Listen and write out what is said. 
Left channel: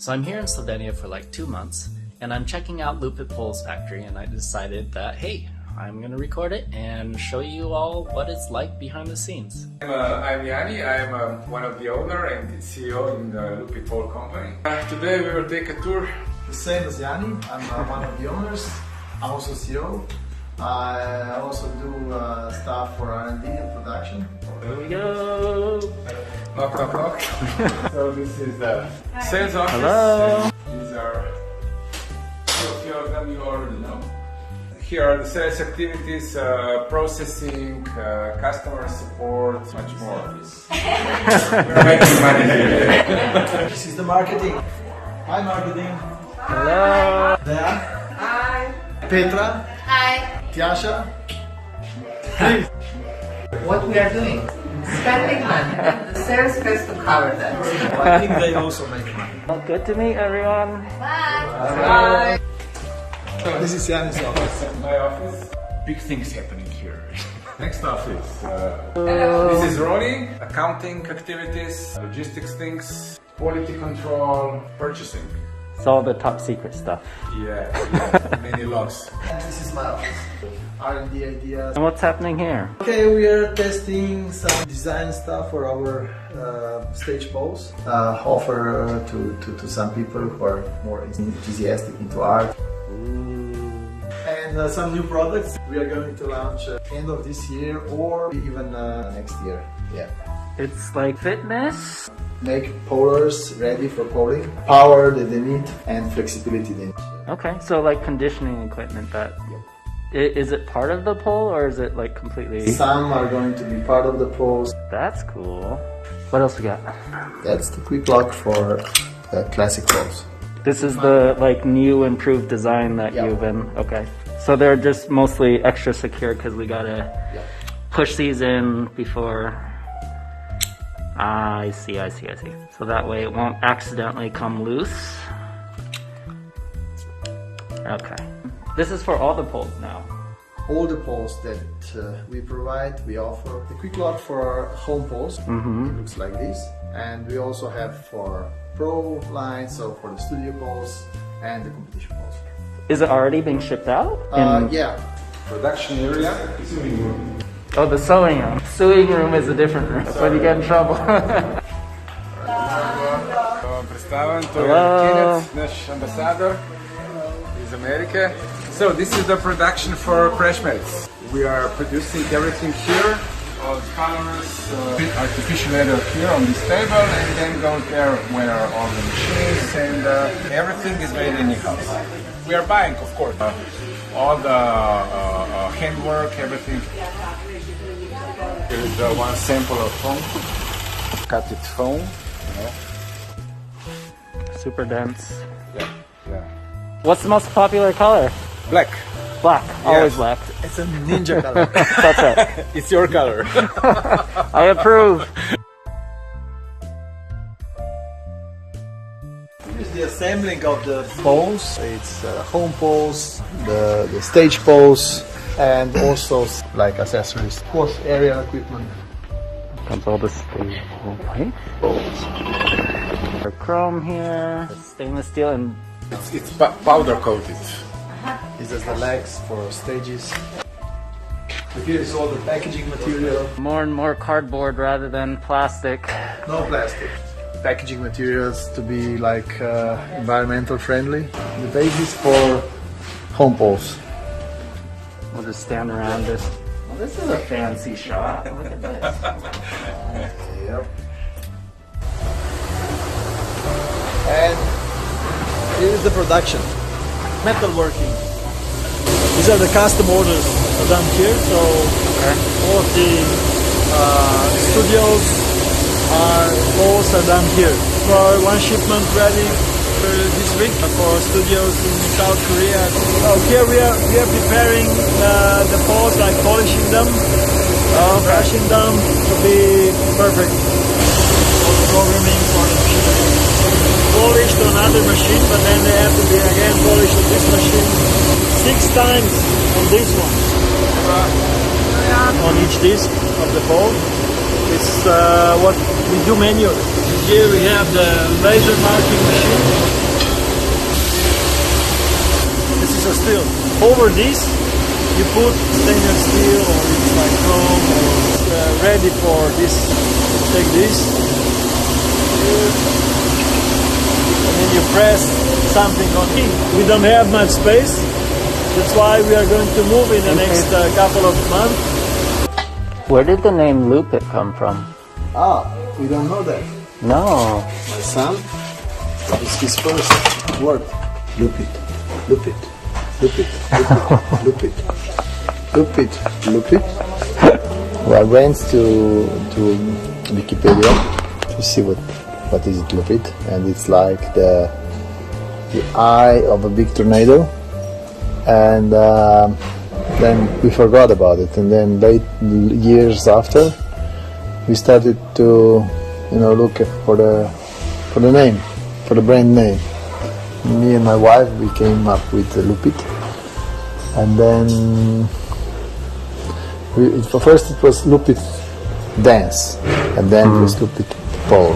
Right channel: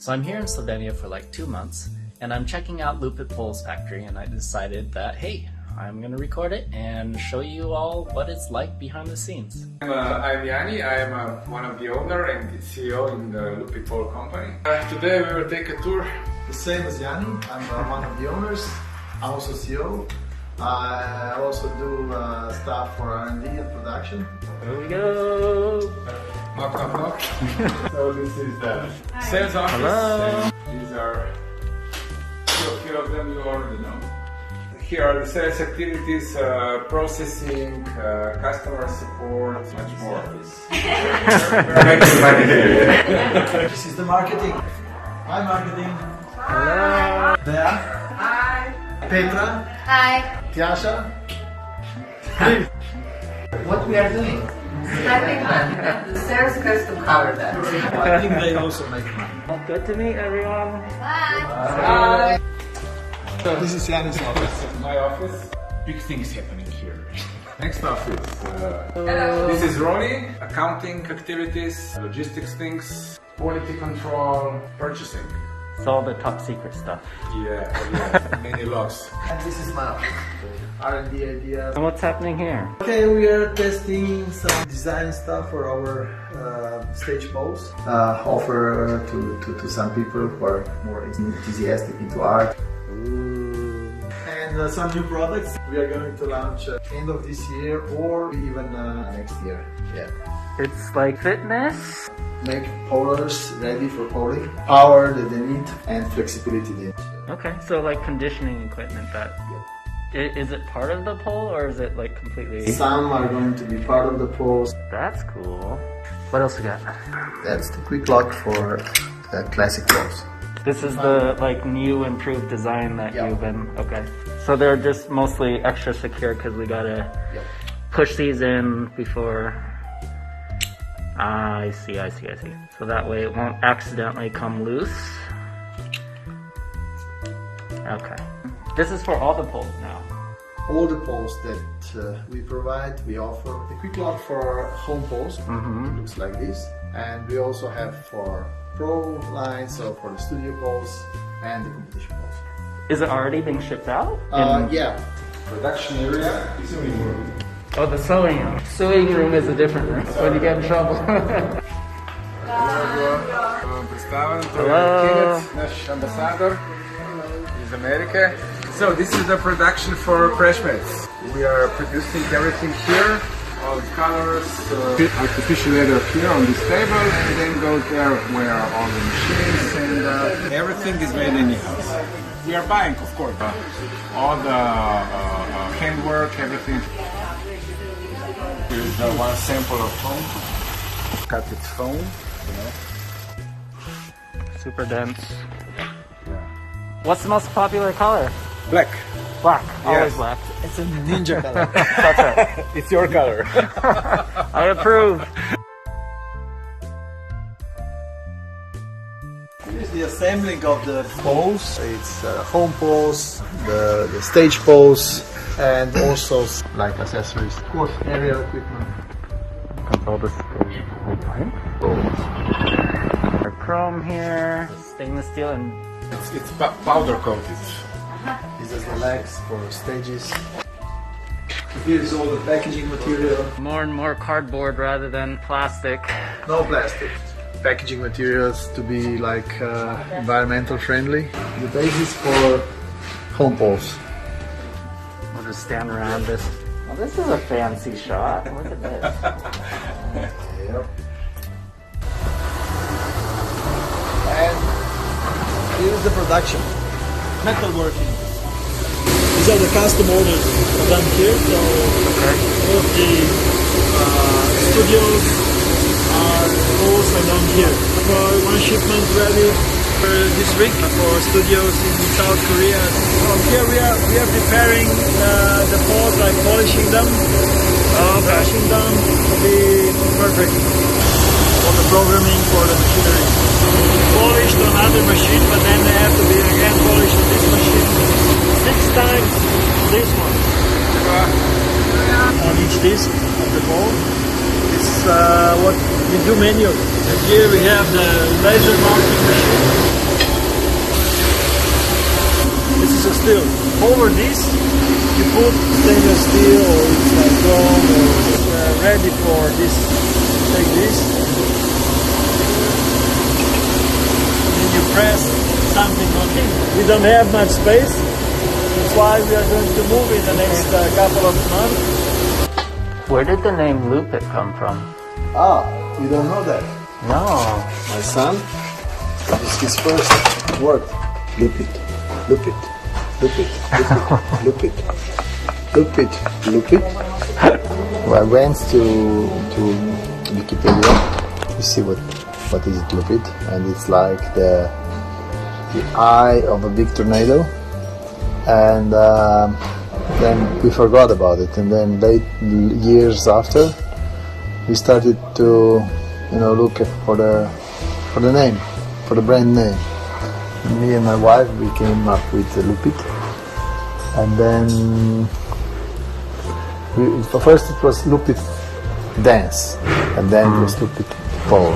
So I'm here in Slovenia for like 2 months, and I'm checking out Lupit Pole's factory, and I decided that, hey, I'm going to record it and show you all what it's like behind the scenes. I'm Yanni. I am one of the owner and the CEO in Lupit Pole company. Today we will take a tour. The same as Yanni. I'm one of the owners. I'm also CEO. I also do stuff for R&D and production. Here we go! Knock, knock, knock. So this is the sales office. Hello! These are a few of them you already know. Here are the sales activities, processing, customer support, much more. We're making money here. This is the marketing. Hi, marketing. Hello! There. Hi. Petra. Hi. Tiasha. What we are doing? Spending money. The sales has to cover that. I think they also make money. Good to meet everyone. Bye. Bye. This is Yanni's office. My office. Big things happening here. Next office. This is Ronnie. Accounting activities, logistics things, quality control, purchasing. It's all the top secret stuff. Yeah, many loves. This is my office. R&D ideas. And what's happening here? Okay, we are testing some design stuff for our stage poles. Offer to some people who are more enthusiastic into art. Ooh. And some new products we are going to launch end of this year or even next year. Yeah. It's like fitness. Make polers ready for poling, power that they need, and flexibility they need. Okay, so like conditioning equipment, but is it part of the pole or is it like completely? Some are going to be part of the poles. That's cool. What else we got? That's the quick lock for classic poles. This is the like new improved design that Yeah. you've been, okay. So they're just mostly extra secure because we gotta push these in before. I see. So that way it won't accidentally come loose. Okay. This is for all the poles now. All the poles that we provide, we offer the quick lock for home poles. It looks like this. And we also have for pro lines, so for the studio poles and the competition poles. Is it already being shipped out? Yeah. Production area is in Oh, the sewing room. Sewing room is a different room, so you get in trouble. Представен Hello. Kenneth, naš ambassador iz Amerike. So this is the production for crash mats. We are producing everything here, all the colors, artificial leather here on this table, and then go there where all the machines and everything is made in in-house. We are buying, of course, all the handwork, everything. Here's one sample of foam. That's its foam. Super dense. Yeah. What's the most popular color? Black. Black. Always black. It's a ninja color. That's right. It's your color. I approve. This is the assembling of the poles. It's home poles, the stage poles, and also like accessories. Of course, aerial equipment. Control this. Okay. Chrome here, stainless steel, and It's powder coated. These are the legs for stages. Here is all the packaging material. more and more cardboard rather than plastic. No plastic. Packaging materials to be like environmental friendly. The basis for home poles. We'll just stand around this. Oh, this is a fancy shot. Look at this. Yep. And this is the production. Metal working. These are the custom orders done here. So all of the studios poles are done here. For one shipment ready this week for studios in South Korea. So here we are preparing the poles, like polishing them, brushing them to be perfect for the programming for the machinery. Polished on other machine, but then they have to be again polished on this machine 6 times this one. On each disc of the pole. It's what we do manually. And here we have the laser marking machine. piece, you put stainless steel or it's like chrome or ready for this. Take this, and then you press something on it. We don't have much space, that's why we are going to move in the next couple of months. Where did the name Lupit come from? Ah, you don't know that? No. My son, that is his first word. Lupit, Lupit, Lupit, Lupit, Lupit, Lupit, Lupit. I went to Wikipedia to see what is it, Lupit, and it's like the eye of a big tornado, and then we forgot about it, and then late years after we started to look for the name, for the brand name. Me and my wife, we came up with Lupit, and then first it was Lupit Dance, and then it was Lupit Polo.